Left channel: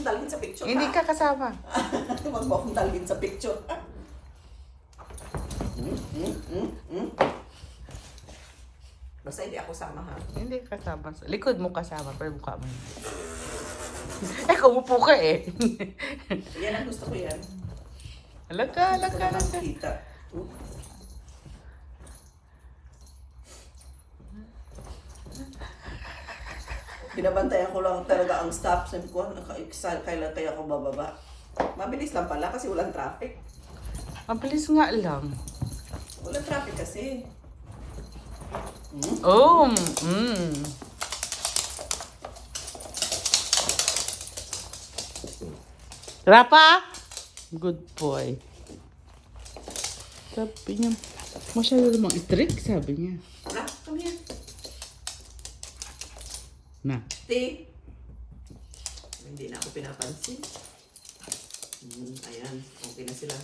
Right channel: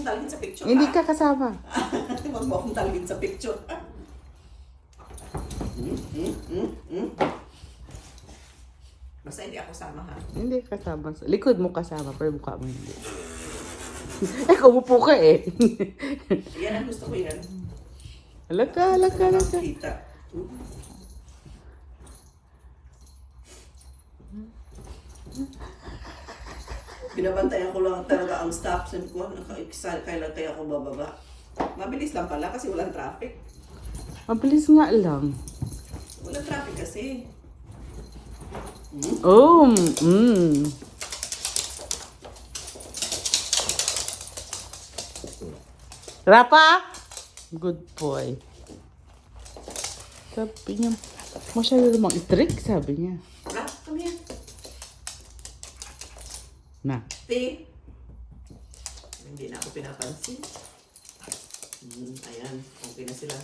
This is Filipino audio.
akong dalhin sa picture, Hindi ha? ka kasama. Huwag mo akong dalhin sa picture, ha? Basta hindi ako sama, ha? Hindi ka kasama. Likod mo kasama, pero mukha mo. Eh, kumupo ka eh. Yan ang gusto ko yan. Alaka, Gusto ko alaka, naman alaka. kita. Binabantayan ko lang talaga ang stop. Sabi ko, kailan kaya ako bababa? Mabilis lang pala kasi walang traffic. Mabilis nga lang. Walang traffic kasi. Oh, Rapa? Good boy. Sabi niya, masyado namang i-trick, sabi niya. Ah, come here. Na. Stay. Hindi na ako pinapansin. Ayan, okay na sila.